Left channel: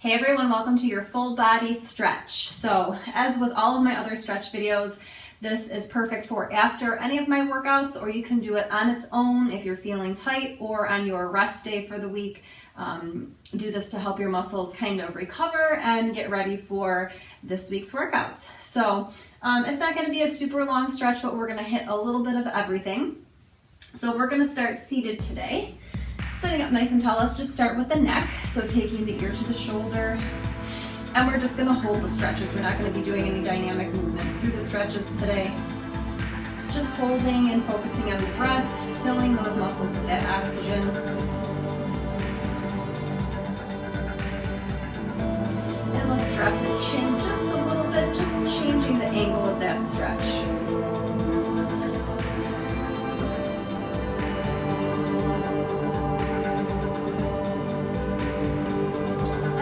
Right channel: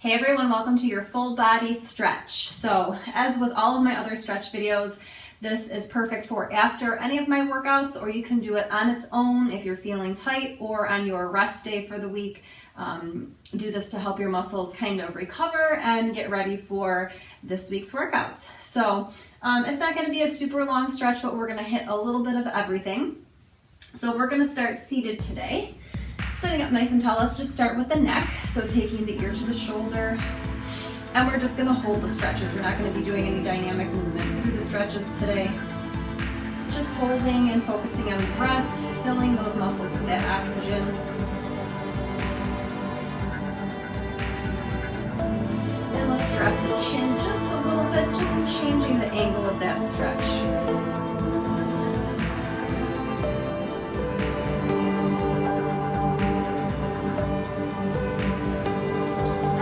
Hey everyone, welcome to your full body stretch. So as with all of my other stretch videos, this is perfect for after any of my workouts, or you can do it on its own if you're feeling tight, or on your rest day for the week. Do this to help your muscles kind of recover and get ready for this week's workouts. So it's not going to be a super long stretch, but we're going to hit a little bit of everything. So we're going to start seated today. Sitting up nice and tall, let's just start with the neck. So taking the ear to the shoulder, and we're just gonna hold the stretches. We're not gonna be doing any dynamic movements through the stretches today. Just holding and focusing on the breath, filling those muscles with that oxygen. And let's drop the chin just a little bit, just changing the angle of that stretch.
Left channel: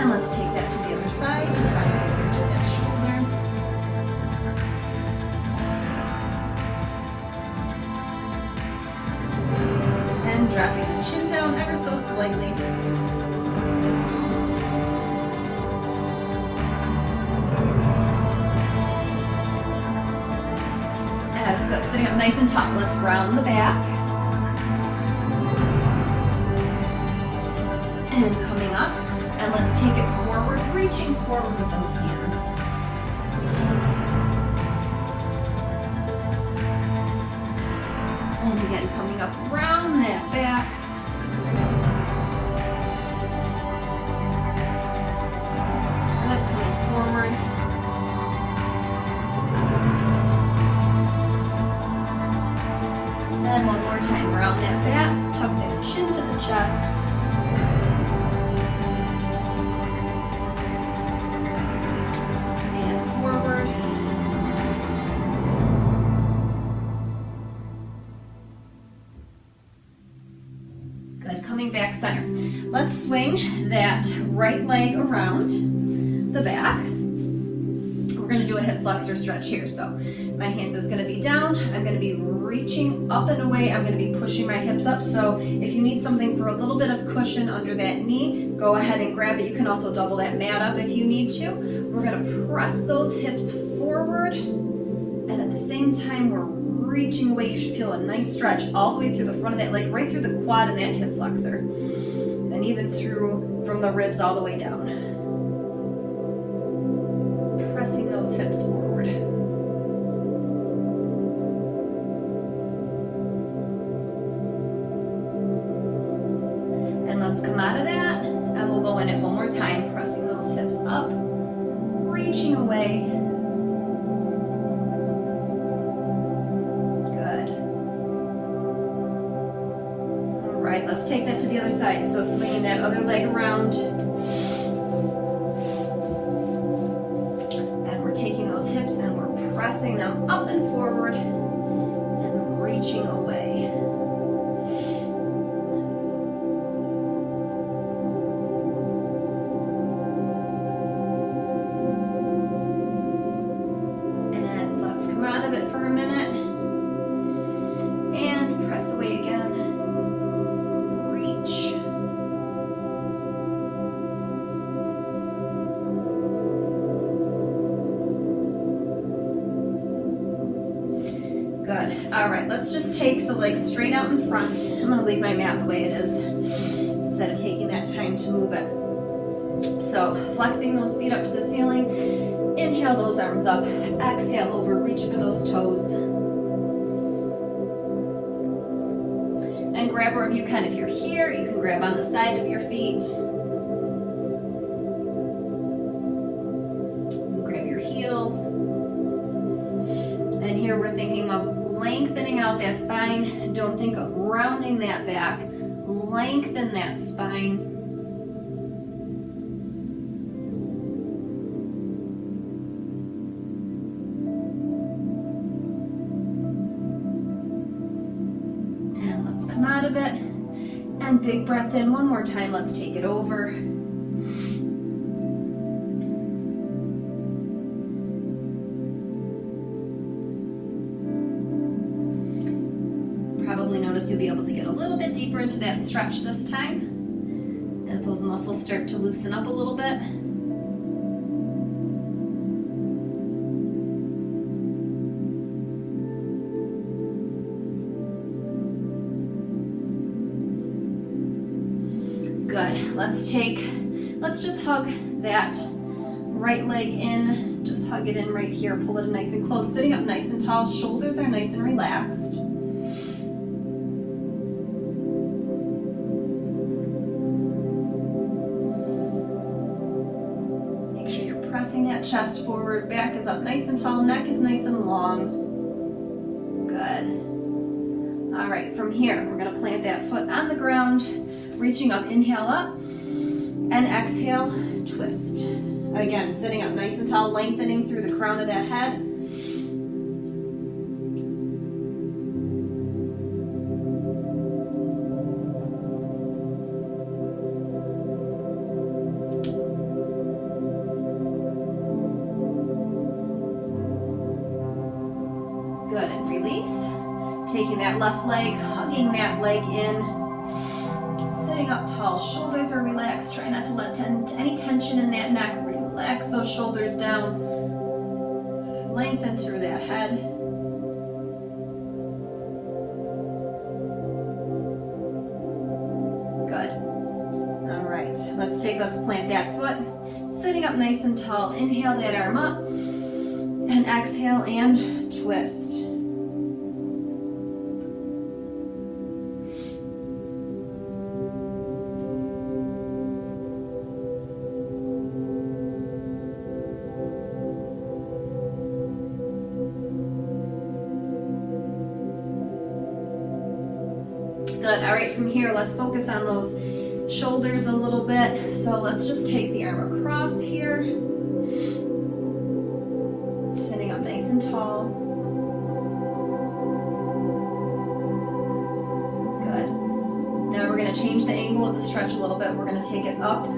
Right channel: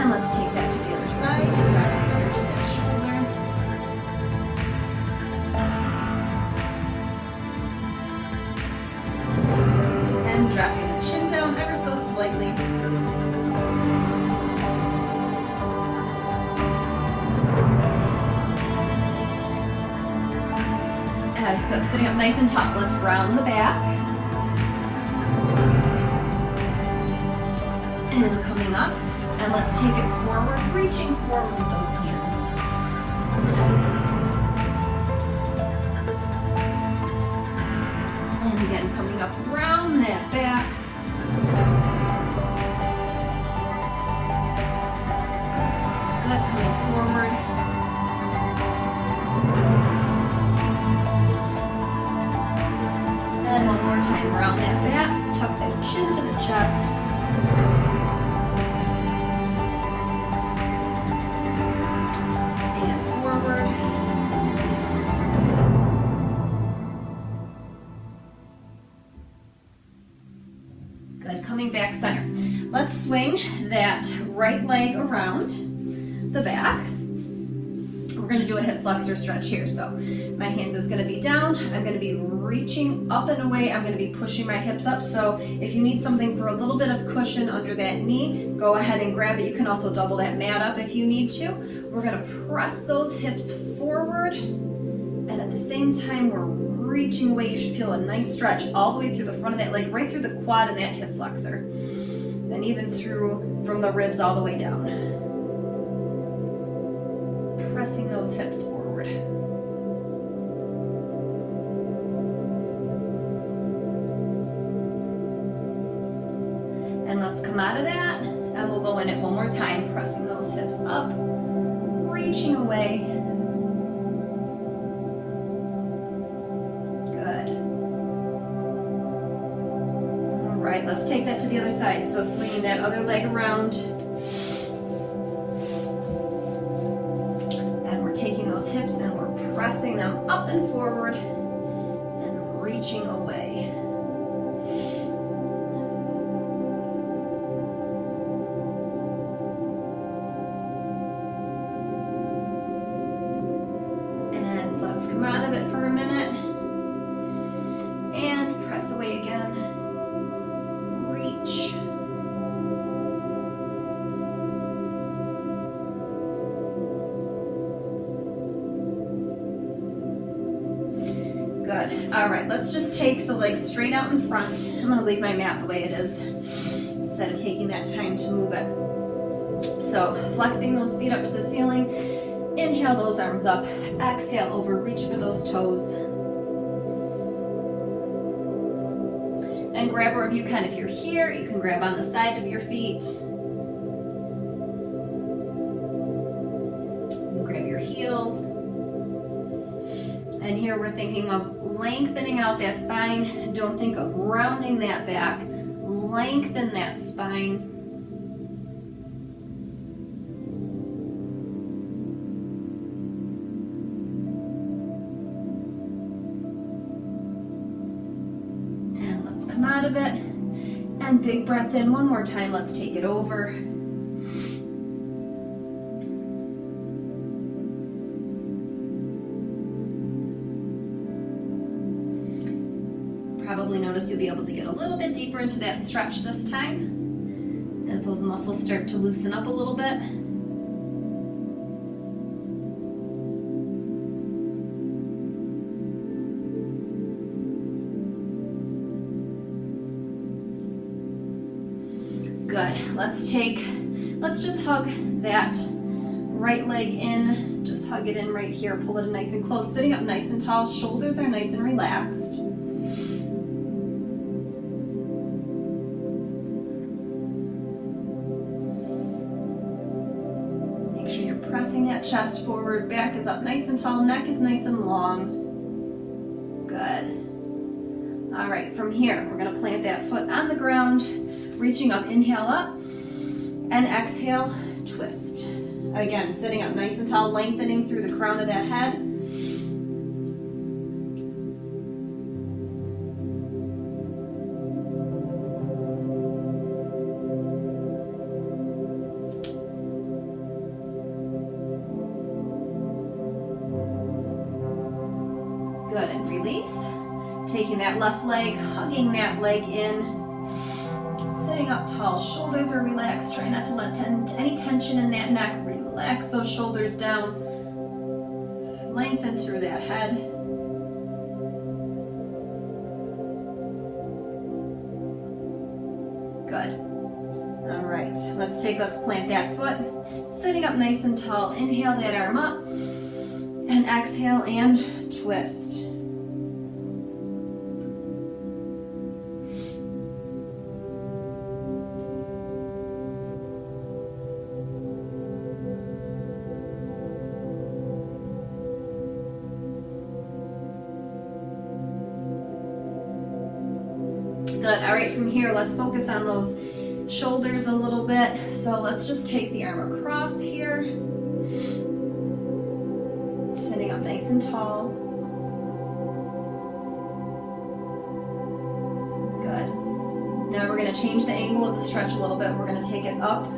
And let's take that to the other side and drop it here to that shoulder. And dropping the chin down ever so slightly. Good, sitting up nice and tall. Let's round the back. And coming up. And let's take it forward, reaching forward with those hands. And again, coming up around that back. Good, coming forward. And one more time, round that back, tuck that chin to the chest. Forward. Good, coming back center. Let's swing that right leg around the back. We're going to do a hip flexor stretch here. So my hand is going to be down. I'm going to be reaching up and away. I'm going to be pushing my hips up. So if you need something for a little bit of cushion under that knee, go ahead and grab it. You can also double that mat up if you need to. We're going to press those hips forward, and at the same time we're reaching away. You should feel a nice stretch all the way through the front of that leg, right through the quad and that hip flexor, and even through from the ribs all the way down. Pressing those hips forward. And let's come out of that, and we'll go in it one more time, pressing those hips up, reaching away. Good. All right, let's take that to the other side. So swinging that other leg around. And we're taking those hips and we're pressing them up and forward and reaching away. Come out of it for a minute and press away again. Reach. Good. All right, let's just take the legs straight out in front. I'm going to leave my mat the way it is instead of taking that time to move it. So flexing those feet up to the ceiling. Inhale those arms up, exhale over, reach for those toes. And grab wherever you can. If you're here, you can grab on the side of your feet. And grab your heels. And here we're thinking of lengthening out that spine. Don't think of rounding that back. Lengthen that spine. Come out of it, and big breath in one more time. Let's take it over. Probably notice you'll be able to get a little bit deeper into that stretch this time as those muscles start to loosen up a little bit. Good. Let's just hug that right leg in. Just hug it in right here. Pull it nice and close. Sitting up nice and tall. Shoulders are nice and relaxed. Make sure you're pressing that chest forward. Back is up nice and tall. Neck is nice and long. Good. All right, from here, we're going to plant that foot on the ground. Reaching up, inhale up. And exhale, twist. Again, sitting up nice and tall, lengthening through the crown of that head. Good, and release. Taking that left leg, hugging that leg in. Sitting up tall, shoulders are relaxed. Try not to let any tension in that neck. Relax those shoulders down. Lengthen through that head. Good. All right, let's plant that foot. Sitting up nice and tall. Inhale that arm up. And exhale and twist. Good. All right, from here, let's focus on those shoulders a little bit. So let's just take the arm across here. Sitting up nice and tall. Good. Now we're going to change the angle of the stretch a little bit. We're going to take it up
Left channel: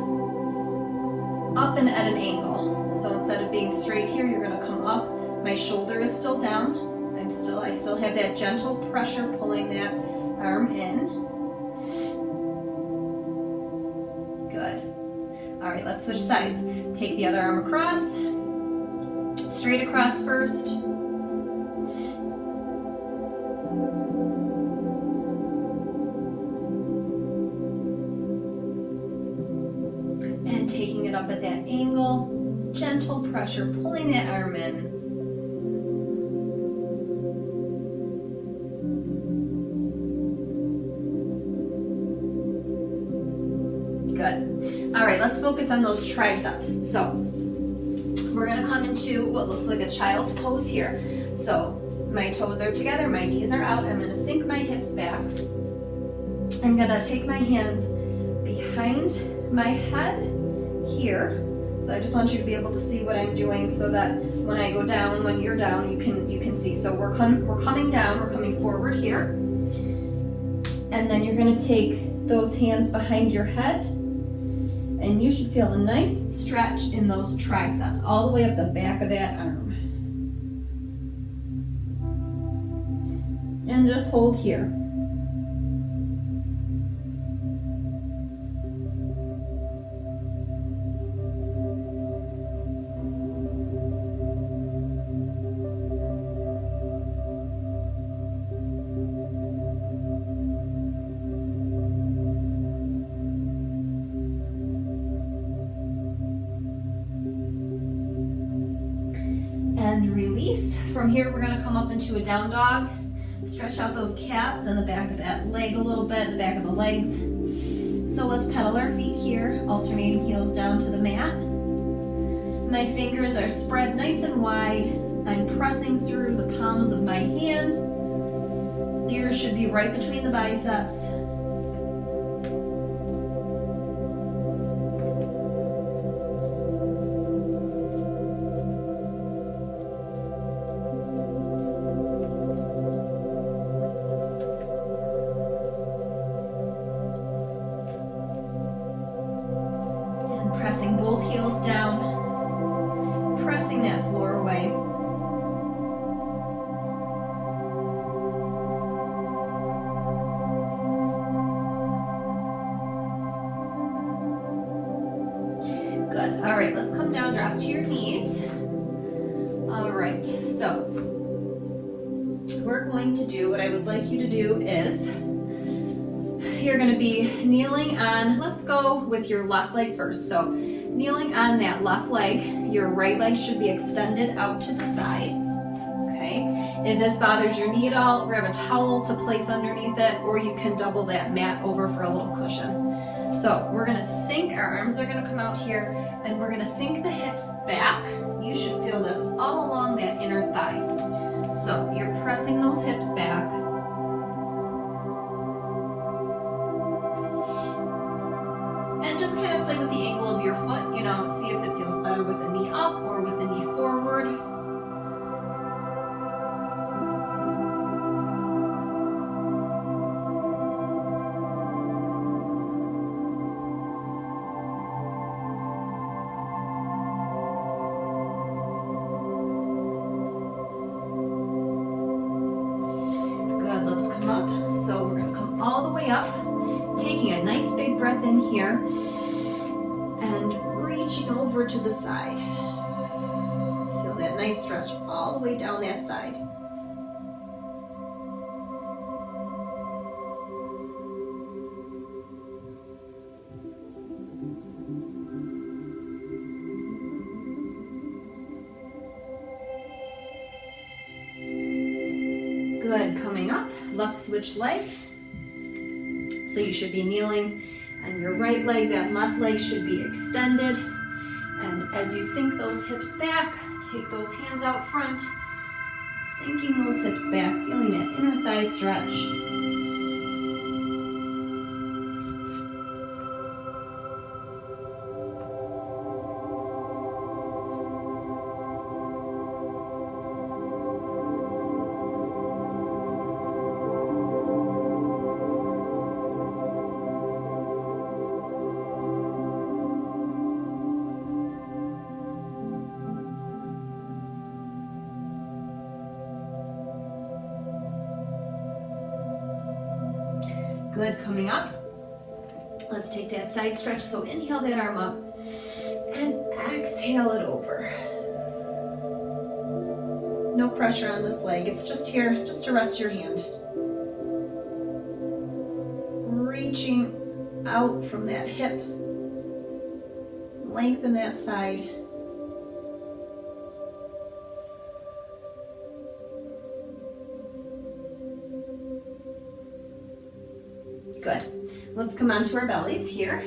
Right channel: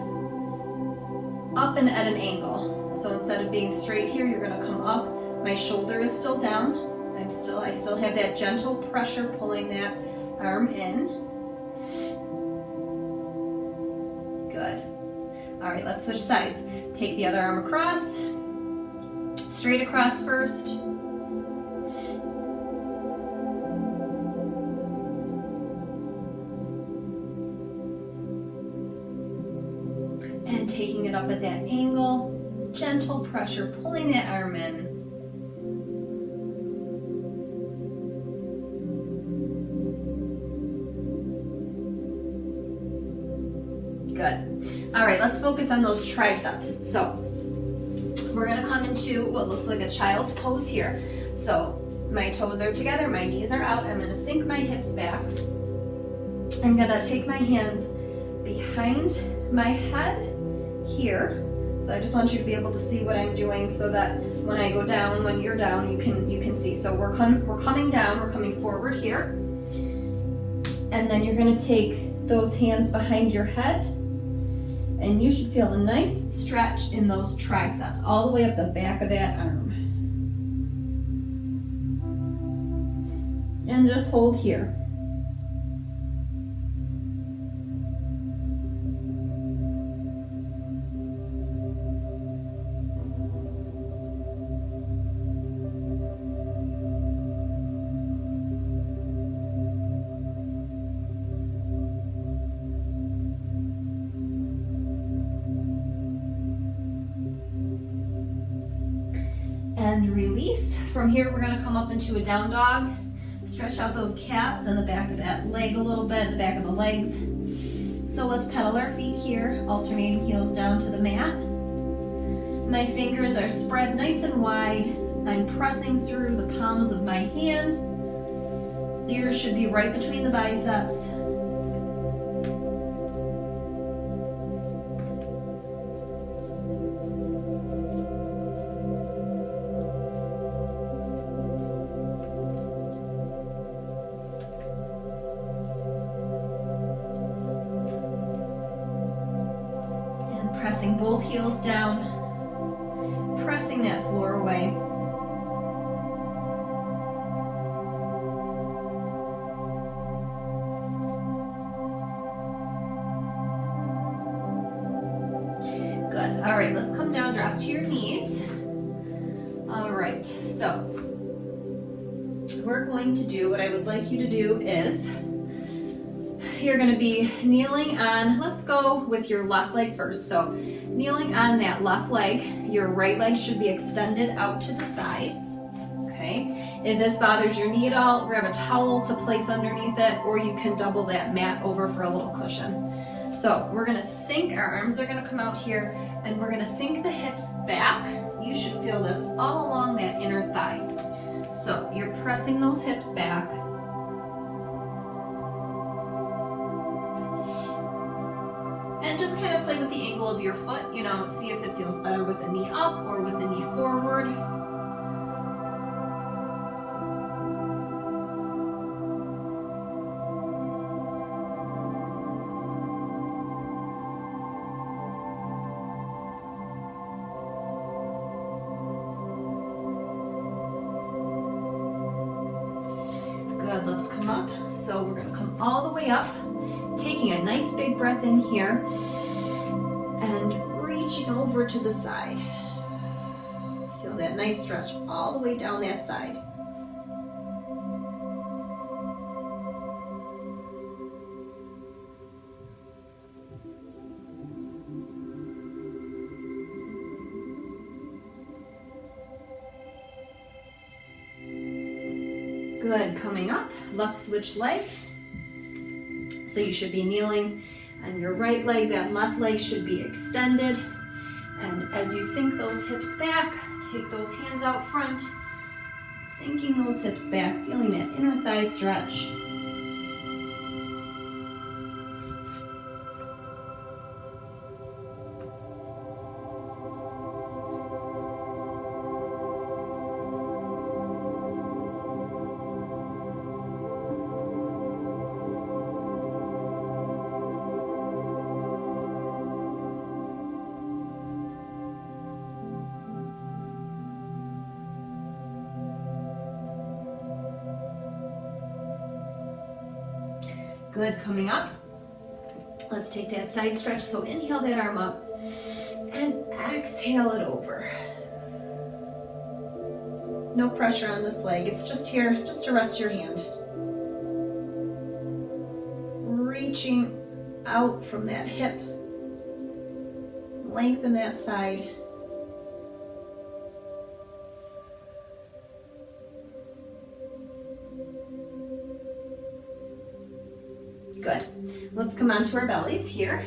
and at an angle. So instead of being straight here, you're going to come up. My shoulder is still down. I still have that gentle pressure pulling that arm in. Good. All right, let's switch sides. Take the other arm across. Straight across first. And taking it up at that angle. Gentle pressure, pulling that arm in. Good. All right, let's focus on those triceps. So we're gonna come into what looks like a child's pose here. So my toes are together, my knees are out. I'm gonna sink my hips back. I'm gonna take my hands behind my head here. So I just want you to be able to see what I'm doing so that when I go down, when you're down, you can see. So we're coming down, we're coming forward here. And then you're gonna take those hands behind your head. And you should feel a nice stretch in those triceps, all the way up the back of that arm. And just hold here. And release. From here, we're going to come up into a down dog. Stretch out those calves and the back of that leg a little bit, the back of the legs. So let's pedal our feet here, alternating heels down to the mat. My fingers are spread nice and wide. I'm pressing through the palms of my hand. Ears should be right between the biceps. Pressing both heels down, pressing that floor away. Good. All right, let's come down, drop to your knees. All right, so we're going to do, what I would like you to do is you're gonna be kneeling on, let's go with your left leg first. So kneeling on that left leg, your right leg should be extended out to the side, okay? If this bothers your knee at all, grab a towel to place underneath it, or you can double that mat over for a little cushion. So we're gonna sink, our arms are gonna come out here, and we're gonna sink the hips back. You should feel this all along that inner thigh. So you're pressing those hips back. And just kind of play with the angle of your foot, you know, see if it feels better with the knee up or with the knee forward. Good, let's come up. So we're gonna come all the way up, taking a nice big breath in here and reaching over to the side. Feel that nice stretch all the way down that side. Good, coming up, let's switch legs. So you should be kneeling on your right leg, that left leg should be extended. And as you sink those hips back, take those hands out front, sinking those hips back, feeling that inner thigh stretch. Good, coming up. Let's take that side stretch. So inhale that arm up and exhale it over. No pressure on this leg. It's just here, just to rest your hand. Reaching out from that hip. Lengthen that side. Good. Let's come onto our bellies here.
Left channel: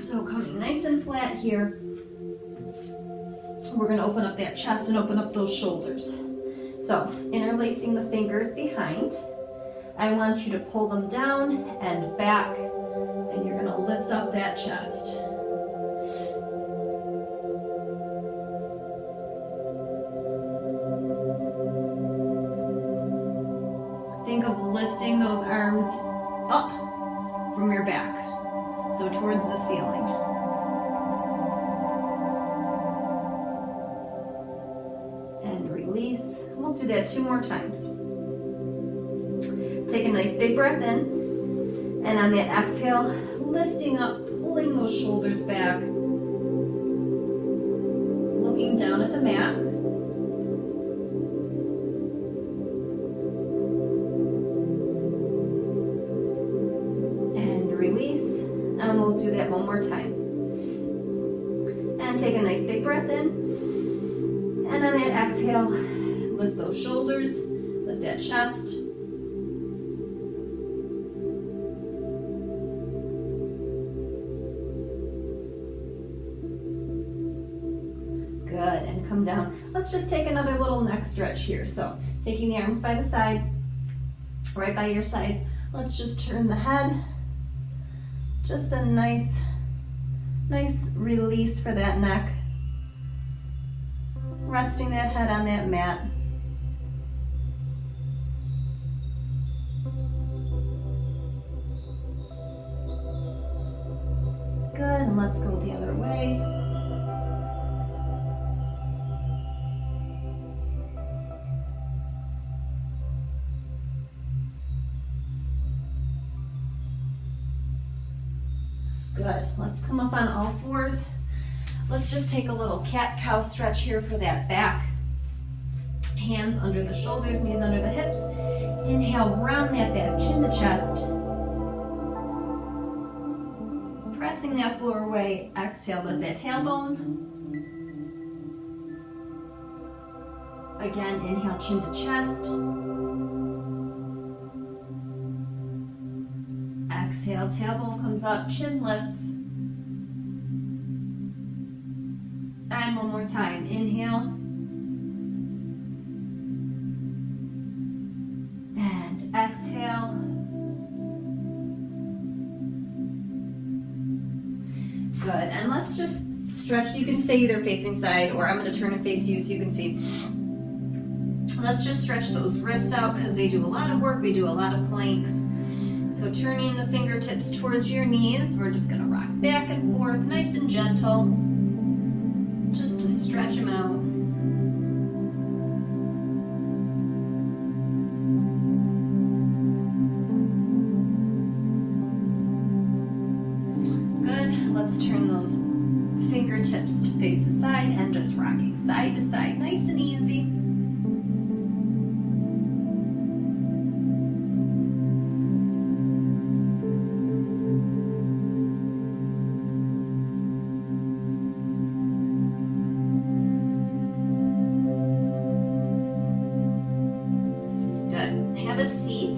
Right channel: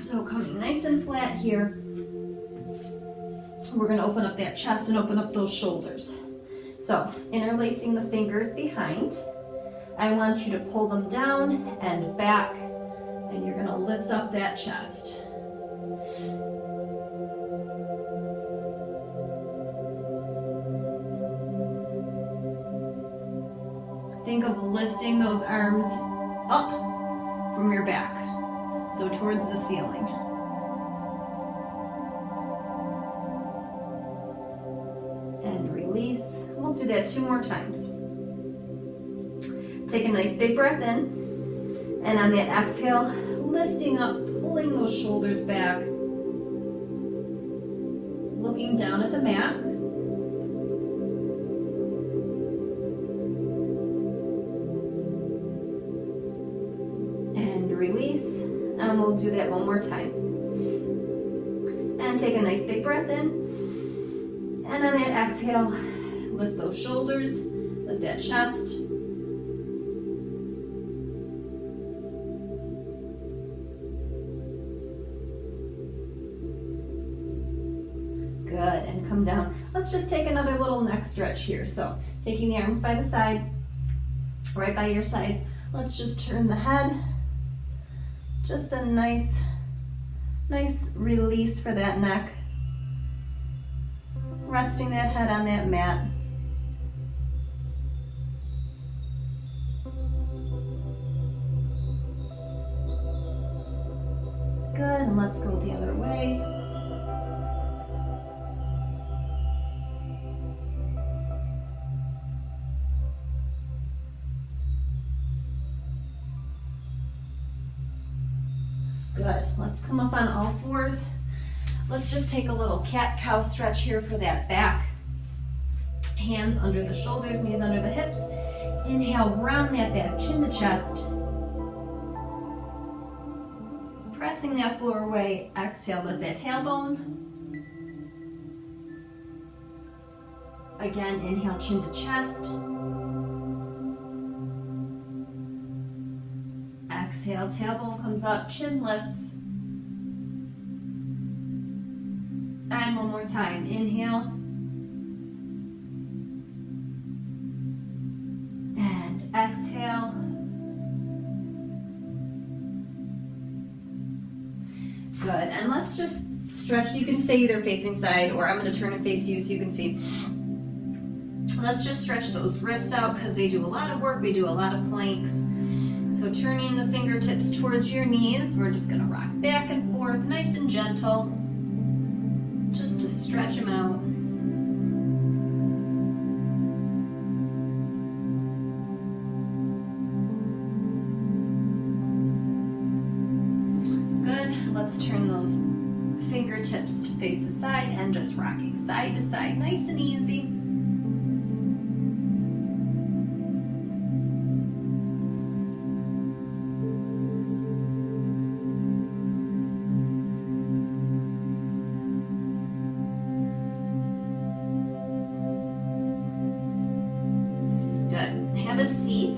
So coming nice and flat here. We're going to open up that chest and open up those shoulders. So interlacing the fingers behind. I want you to pull them down and back, and you're going to lift up that chest. Think of lifting those arms up from your back, so towards the ceiling. And release. We'll do that 2 more times. Take a nice big breath in, and on that exhale, lifting up, pulling those shoulders back, looking down at the mat. Release, and we'll do that 1 more time. And take a nice big breath in, and on that exhale, lift those shoulders, lift that chest. Good, and come down. Let's just take another little neck stretch here. So taking the arms by the side, right by your sides, let's just turn the head. Just a nice release for that neck. Resting that head on that mat. Good, and let's go the other way. Good. Let's come up on all fours. Let's just take a little cat-cow stretch here for that back. Hands under the shoulders, knees under the hips. Inhale, round that back, chin to chest. Pressing that floor away. Exhale, lift that tailbone. Again, inhale, chin to chest. Exhale, tailbone comes up, chin lifts. And one more time. Inhale. And exhale. Good. And let's just stretch. You can stay either facing side, or I'm going to turn and face you so you can see. Let's just stretch those wrists out because they do a lot of work. We do a lot of planks. So turning the fingertips towards your knees, we're just going to rock back and forth, nice and gentle, just to stretch them out. Good. Let's turn those fingertips to face the side and just rocking side to side, nice and easy. Have a seat.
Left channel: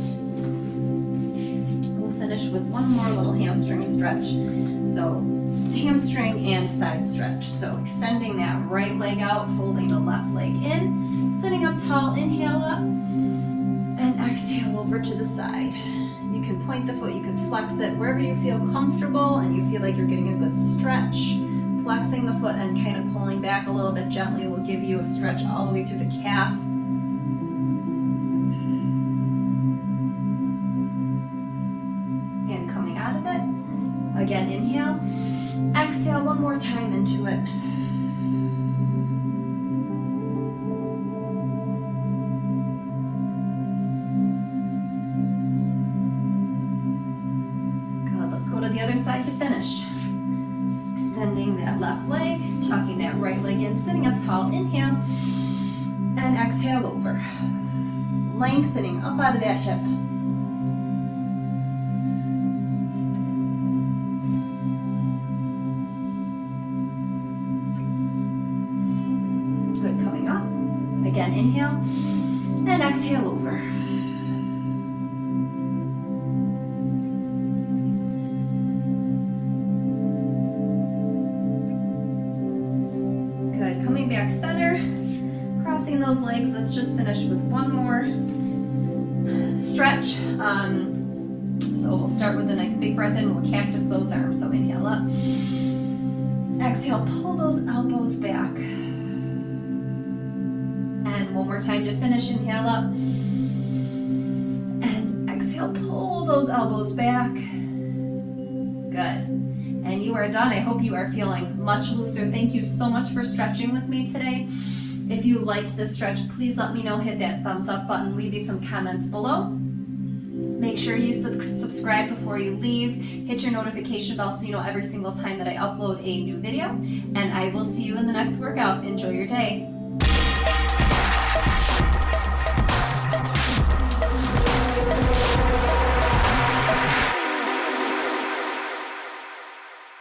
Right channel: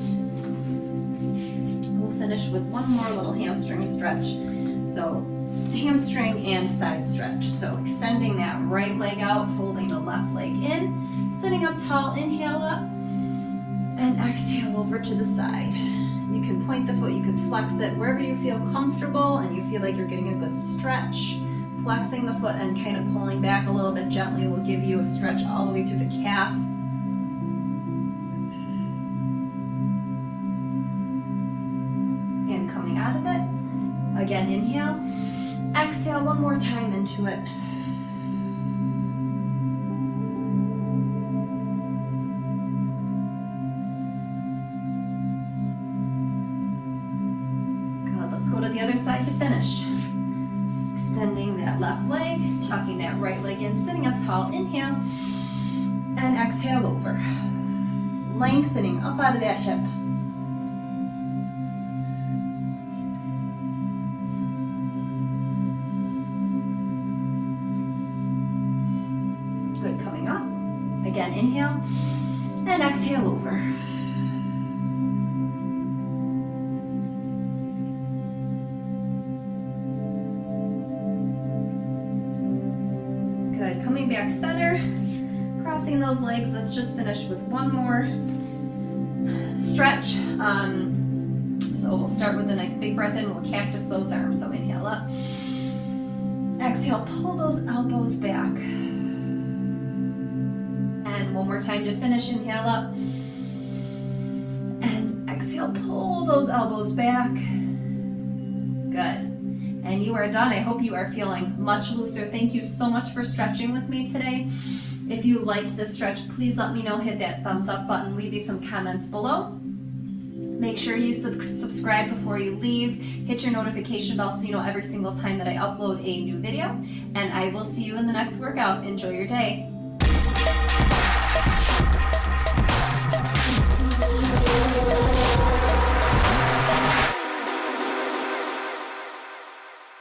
We'll finish with one more little hamstring stretch. So hamstring and side stretch. So extending that right leg out, folding the left leg in, sitting up tall, inhale up, and exhale over to the side. You can point the foot, you can flex it wherever you feel comfortable and you feel like you're getting a good stretch. Flexing the foot and kind of pulling back a little bit gently will give you a stretch all the way through the calf. And coming out of it, again inhale, exhale one more time into it. Good, let's go to the other side to finish. Extending that left leg, tucking that right leg in, sitting up tall, inhale, and exhale over. Lengthening up out of that hip. Good, coming up. Again, inhale, and exhale over. Good, coming back center, crossing those legs. Let's just finish with one more stretch. So we'll start with a nice big breath in. We'll cactus those arms. So inhale up. Exhale, pull those elbows back. And one more time to finish. Inhale up. And exhale, pull those elbows back. Good. And you are done. I hope you are feeling much looser. Thank you so much for stretching with me today. If you liked this stretch, please let me know. Hit that thumbs up button. Leave me some comments below. Make sure you subscribe before you leave. Hit your notification bell so you know every single time that I upload a new video. And I will see you in the next workout. Enjoy your day.